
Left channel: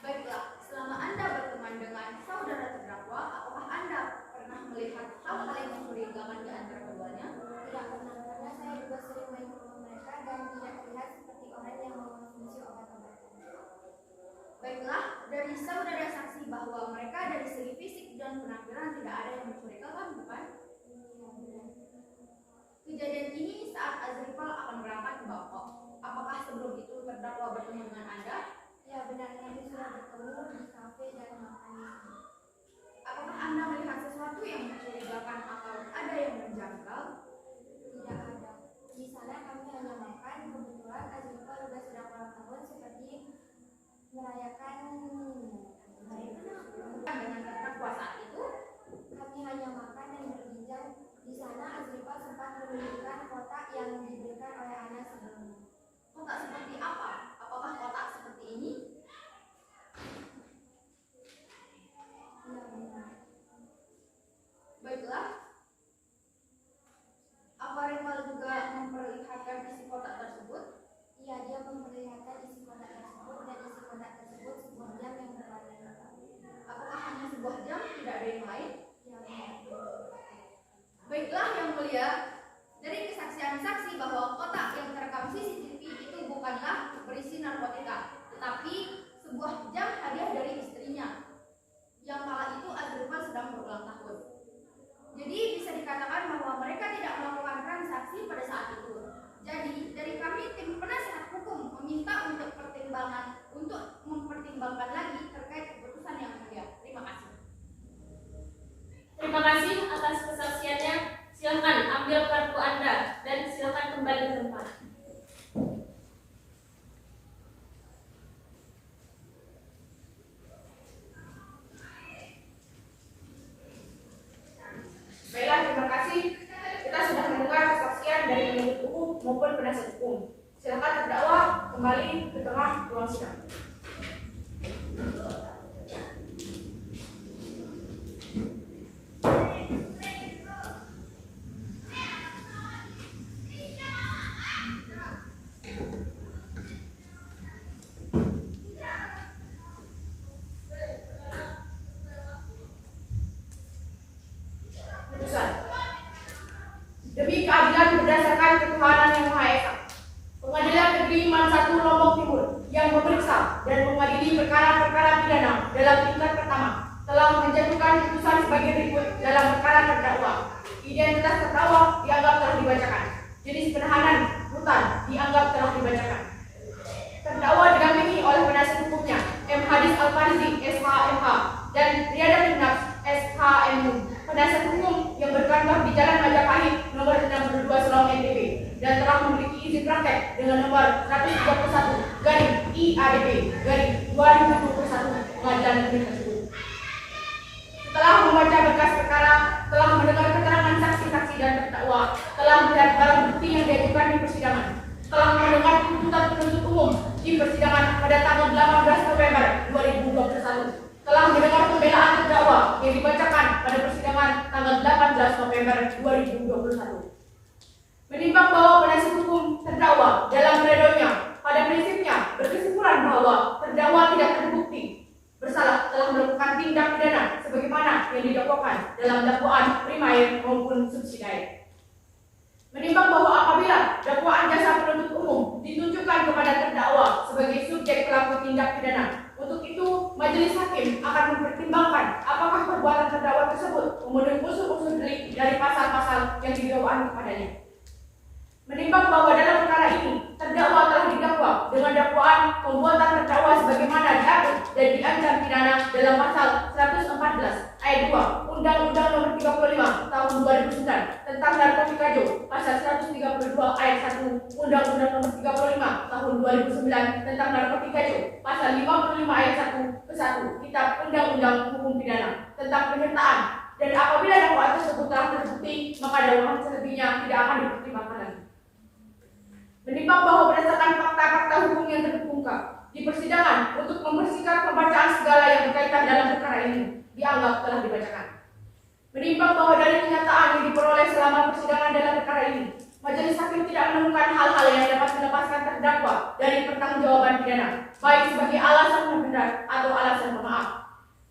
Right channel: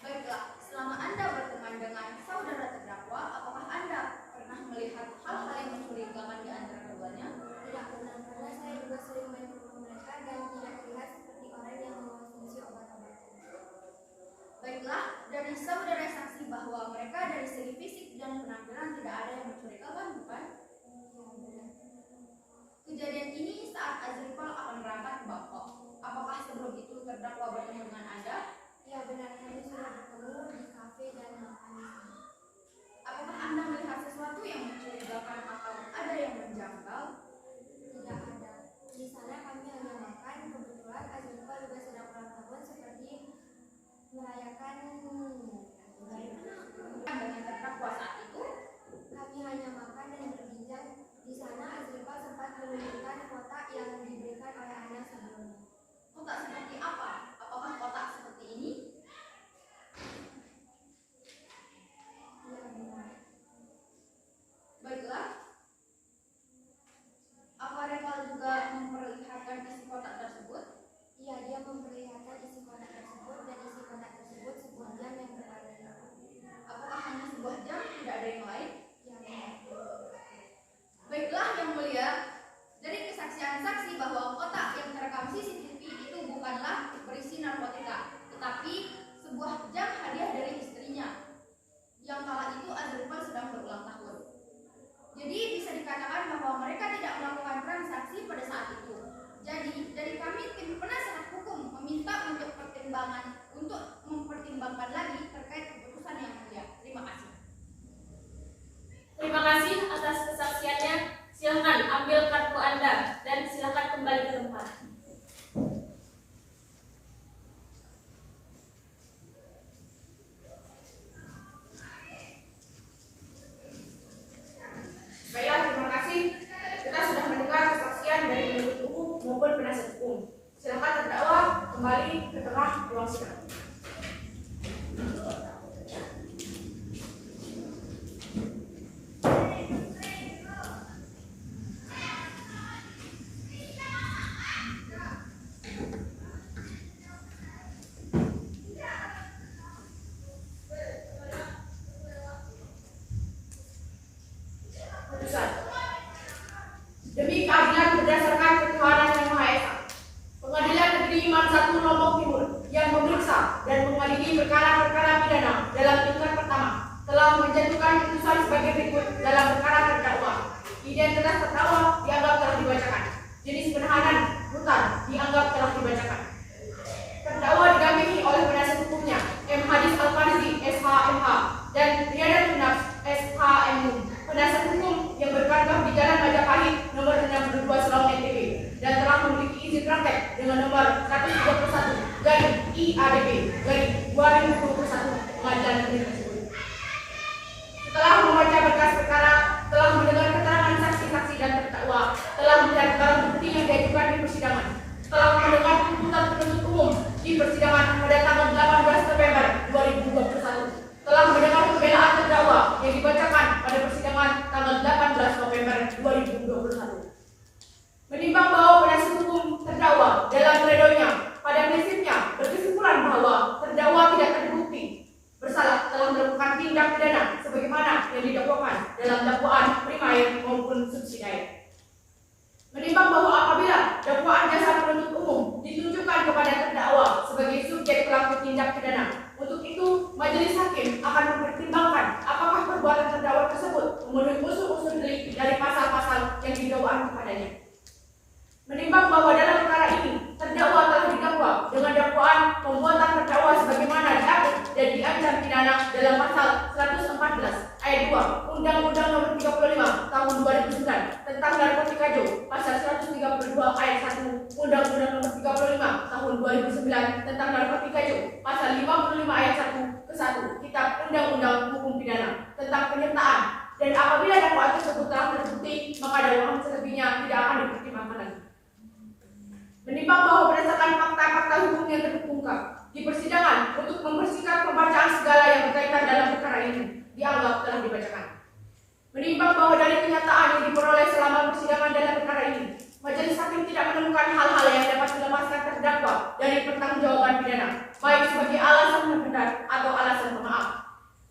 Baiklah, selama Anda berteman dengan saudara terdakwa, apakah Anda pernah melihat hal-hal yang mencurigakan di antara keduanya? Tidak pernah, karena saya juga sering main ke rumah mereka dan tidak terlihat seperti orang yang mengonsumsi obat-obatan. Baiklah, dari saudara saksi bahwa mereka dari segi fisik dan penampilan tidak ada yang mencurigakan, bukan? Ya, benar. Kejadian ini saat Azrifal akan berangkat ke Bangkok. Apakah sebelum itu terdakwa bertemu dengan Anda? Ya, benar, kami sudah bertemu di kafe dan makan di sana. Apakah Anda melihat sesuatu yang mencurigakan atau ada yang menjangkal? Tidak ada. Di sana kami hanya makan. Kebetulan Azrifal juga sedang ulang tahun, seperti merayakan Dengan terdakwa saat itu, kami hanya makan dan berbincang. Di sana Azrifal sempat menunjukkan kotak yang diberikan oleh Ana sebelumnya. kotak seperti apa? Apakah kotak seperti ini? Ya, benar. Baiklah. Apa Rival juga memperlihatkan isi kotak tersebut? Iya, dia memperlihatkan isi kotak tersebut dan isi kotak tersebut sebuah jam yang berwarna hitam. Apakah hanya sebuah jam, tidak ada yang lain? Ya, benar. Baiklah yang mulia, dari kesaksian saksi bahwa kotak yang terekam CCTV itu bukanlah berisi narkotika, tetapi sebuah jam hadiah dari istrinya. Yang kala itu Azrifal sedang berulang tahun. Jadi bisa dikatakan bahwa mereka tidak melakukan transaksi pada saat itu. Jadi dari kami tim penasehat hukum meminta untuk mempertimbangkan lagi terkait keputusan yang mulia. Terima kasih. Terima kasih atas kesaksiannya. Silakan ambil kartu Anda dan silakan kembali ke tempat. Baiklah, terima kasih. Kita sudah mendengar kesaksian dari penuntut umum maupun penasihat hukum. Silakan terdakwa kembali ke tengah ruang sidang. Putusan. Demi keadilan berdasarkan ketuhanan yang Maha Esa, Pengadilan Negeri Man 1 Lombok Timur yang memeriksa dan mengadili perkara-perkara pidana dalam tingkat pertama telah menjatuhkan putusan sebagai berikut dalam perkara terdakwa. Identitas terdakwa dianggap telah dibacakan. Jenis penahanan rutan dianggap telah dibacakan. Terdakwa didampingi oleh penasihat hukumnya M. Hadis Al-Farizi, SHMH, dan Riyadatul Nafs, SHMU, penasihat hukum yang berkantor di Jalan Majapahit nomor 62 Selong NTB dan telah memiliki izin praktek dengan nomor 131 IADP pengadilan negeri tersebut. Setelah membaca berkas perkara, telah mendengar keterangan saksi-saksi dan terdakwa, telah melihat barang bukti yang diajukan di persidangan, telah mendengar tuntutan penuntut umum di persidangan pada tanggal 18 November 2021, telah mendengar pembelaan terdakwa yang dibacakan pada persidangan tanggal 18 November 2021. Menimbang bahwa penasihat hukum terdakwa dalam pledoinya pada prinsipnya berkesimpulan bahwa terdakwa tidak terbukti bersalah telah melakukan tindak pidana sebagaimana yang didakwakan dalam dakwaan primair maupun subsidiar. Menimbang bahwa apabila dakwaan jasa penuntut umum ditunjukkan kepada terdakwa sebagai subjek pelaku tindak pidana, untuk itu majelis hakim akan mempertimbangkan apakah perbuatan terdakwa tersebut memenuhi unsur-unsur delik dari pasal-pasal yang didakwakan kepadanya. Menimbang bahwa dalam perkara ini terdakwa telah didakwa dengan dakwaan pembuatan terdakwa sebagaimana diatur dan diancam pidana dalam pasal 114 ayat 2 Undang-Undang Nomor 35 Tahun 2009 tentang narkotika pasal 132 ayat 1 Undang-Undang Nomor 35 Tahun 2009 tentang narkotika pasal 55 ayat 1 ke 1 Kitab Undang-Undang Hukum Pidana tentang penyertaan, dan apabila dakwaan tersebut telah terbukti maka dakwaan selebihnya tidak akan dipertimbangkan lagi. Menimbang bahwa berdasarkan fakta-fakta hukum yang terungkap di persidangan untuk membersihkan pembacaan segala yang berkaitan dalam perkara ini dianggap telah dibacakan. Menimbang bahwa dari kenyataan yang diperoleh selama persidangan dalam perkara ini, majelis hakim tidak menemukan hal-hal yang dapat melepaskan terdakwa dari pertanggungjawaban pidana, baik sebagai alasan pembenar atau alasan pemaaf.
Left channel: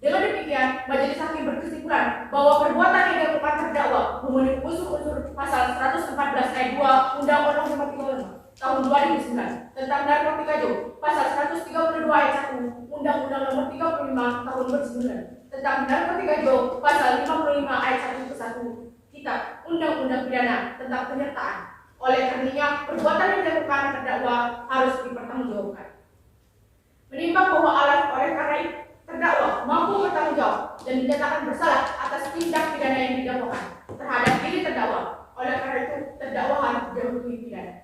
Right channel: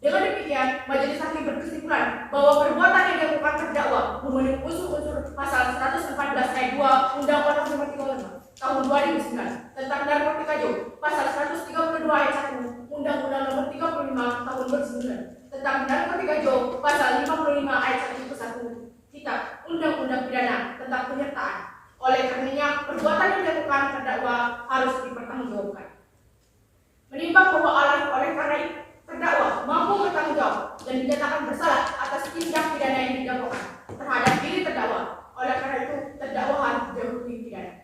Dengan demikian, majelis hakim berkesimpulan bahwa perbuatan yang dilakukan terdakwa memenuhi unsur-unsur pasal 114 ayat 2 Undang-Undang Nomor 35 Tahun 2009 tentang narkotika pasal 132 ayat 1 Undang-Undang Nomor 35 Tahun 2009 tentang narkotika pasal 55 ayat 1 ke 1 Kitab Undang-Undang Pidana tentang penyertaan. Oleh karenanya, perbuatan yang dilakukan terdakwa harus dipertanggungjawabkan. Menimbang bahwa oleh karena itu terdakwa mampu bertanggung jawab dan dinyatakan bersalah atas tindak pidana yang didakwakan terhadap diri terdakwa. Oleh karena itu, terdakwa harus dijatuhi pidana.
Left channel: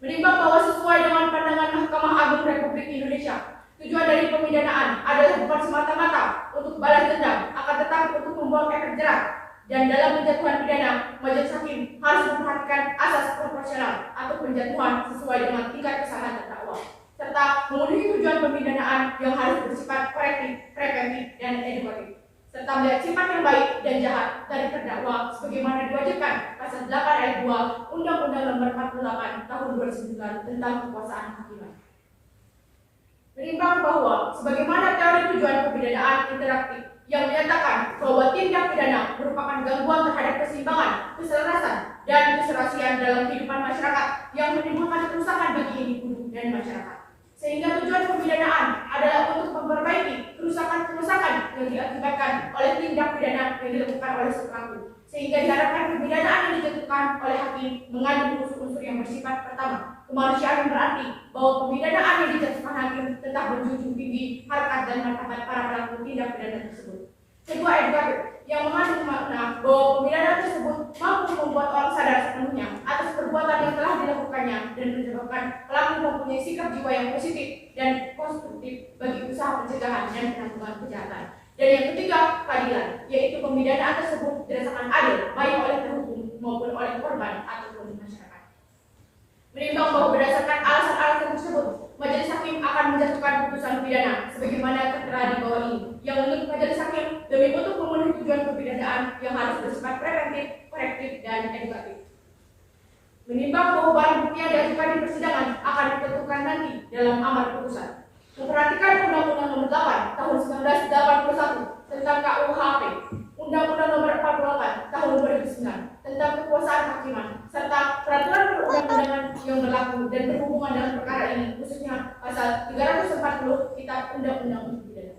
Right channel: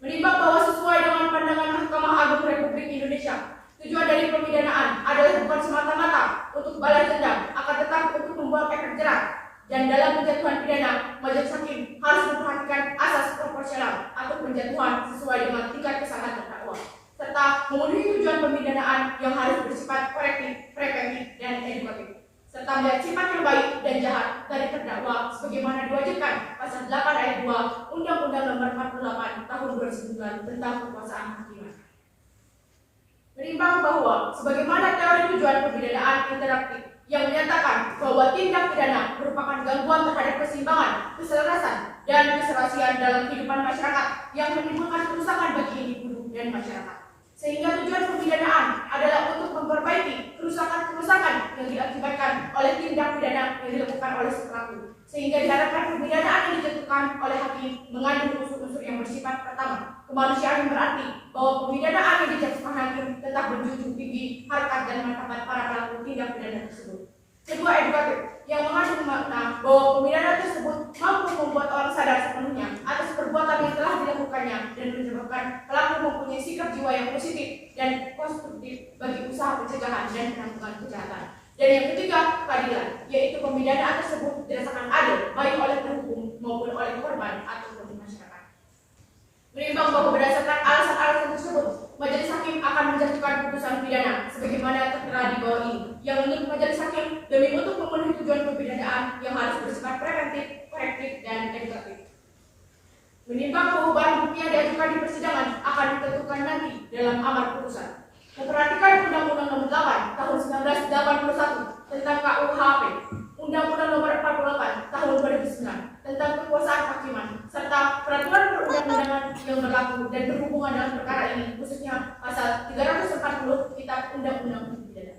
Menimbang bahwa sesuai dengan pandangan Mahkamah Agung Republik Indonesia, tujuan dari pemidanaan adalah bukan semata-mata untuk balas dendam, akan tetapi untuk membuang efek jerak. Dan dalam penjatuhan pidana, majelis hakim harus memperhatikan asas proporsional atau penjatuhan sesuai dengan tingkat kesalahan terdakwa, serta memenuhi tujuan pemidanaan yang harus bersifat korektif, preventif, dan edukatif, serta melihat sifat yang baik dan jahat dari terdakwa sebagaimana diwajibkan pasal 8 ayat 2 Undang-Undang Nomor 48 Tahun 2009 tentang kekuasaan hakiman. Menimbang bahwa sebagaimana teori tujuan pemidanaan interaktif yang menyatakan bahwa tindak pidana merupakan gangguan terhadap keseimbangan, keselarasan, dan keserasian dalam kehidupan masyarakat yang menimbulkan kerusakan bagi individu dan masyarakat. Sehingga tujuan pemidanaan adalah untuk memperbaiki kerusakan-kerusakan yang diakibatkan oleh tindak pidana yang dilakukan oleh si pelaku. Sehingga diharapkan pemidanaan yang dijatuhkan oleh hakim mengandung unsur-unsur yang bersifat pertama, kemanusiaan, yang berarti bahwa pemidanaan yang dijatuhkan hakim tetap menjunjung tinggi harkat dan martabat para pelaku tindak pidana tersebut. Kedua, edukatif yang mengandung makna bahwa pemidanaan tersebut mampu membuat orang sadar sepenuhnya atas perbuatan yang telah dilakukannya dan menyebabkan pelaku mempunyai sikap jiwa yang positif dan konstruktif bagi usaha pencegahan dan penanggulangan kejahatan. Dan yang ketiga, keadilan, yaitu pemidanaan tersebut dirasakan adil baik oleh terhukum maupun oleh korban ataupun masyarakat. Menimbang bahwa berdasarkan alasan-alasan tersebut, majelis hakim akan menjatuhkan putusan pidana sebagaimana tertera di bawah ini, yang menurut majelis hakim demi untuk memenuhi tujuan pemidanaan yang harus bersifat preventif, korektif, dan edukatif. Menimbang bahwa barang bukti yang diajukan di persidangan akan ditentukan nanti dalam amar putusan. Memperhatikan Undang-Undang Nomor 8 Tahun 1981 tentang KUHP, Undang-Undang Nomor 48 Tahun 2009 tentang kekuasaan hakiman, serta peraturan perundang-undangan yang berlaku dan berhubungan dengan perkara ini, khususnya pasal 340 Kitab Undang-Undang Hukum Pidana.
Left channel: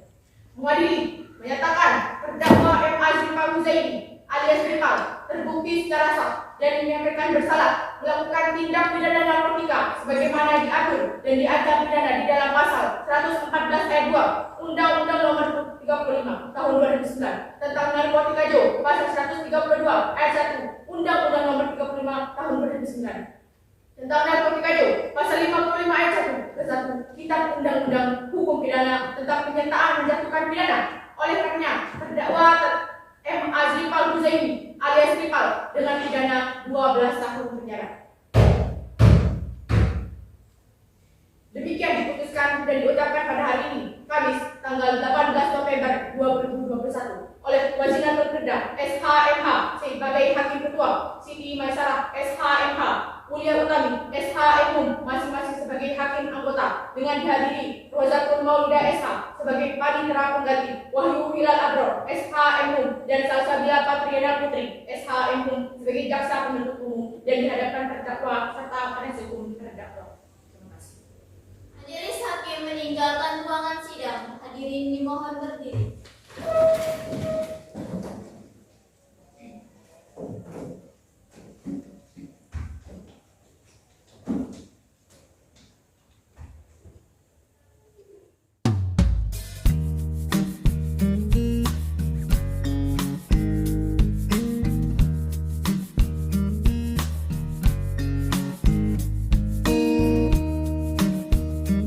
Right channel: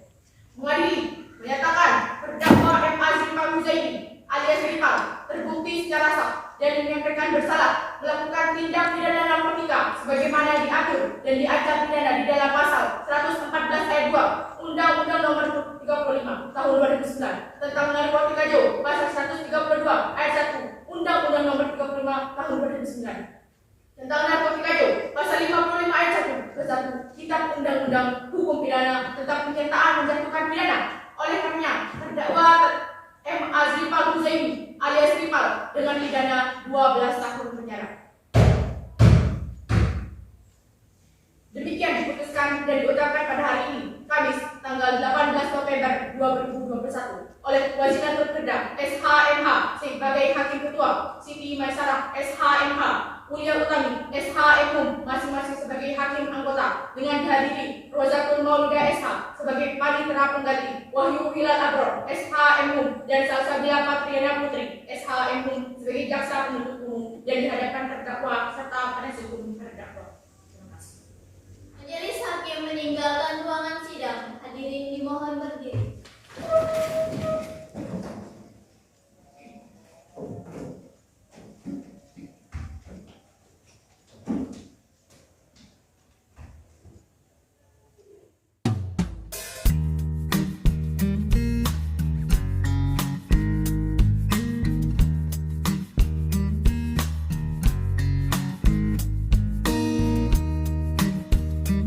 Mengadili menyatakan terdakwa M. Azrifal Huzaimi alias Ripal terbukti secara sah dan menyampaikan bersalah melakukan tindak pidana narkotika sebagaimana diatur dan diancam pidana di dalam pasal 114 ayat 2 Undang-Undang Nomor 35 Tahun 2009 tentang narkotika pasal 132 ayat 1 Undang-Undang Nomor 35 Tahun 2009 tentang narkotika Jo, pasal 55 ayat 1 ke 1 Kitab Undang-Undang Hukum Pidana tentang penyertaan menjatuhkan pidana. Oleh karenanya, terdakwa M. Azrifal Huzaimi alias Ripal dengan pidana 12 tahun penjara. Demikian diputuskan dan diucapkan pada hari ini, Kamis, tanggal 18 November 2021 oleh Waziratul Kedah SHMH sebagai Hakim Ketua, Siti Maisarah SHMH, Ulia Utami SHMH masing-masing sebagai Hakim Anggota, dengan dihadiri Rozatul Maulida SH sebagai Panitera Pengganti, Wahyu Hilal Abror SHMH dan Salsabila Patriana Putri SHMH sebagai Jaksa Penuntut Umum dan dihadapkan terdakwa serta penasihat hukum terdakwa. Majelis hakim meninggalkan ruangan sidang. Hadirin dimohon berdiri.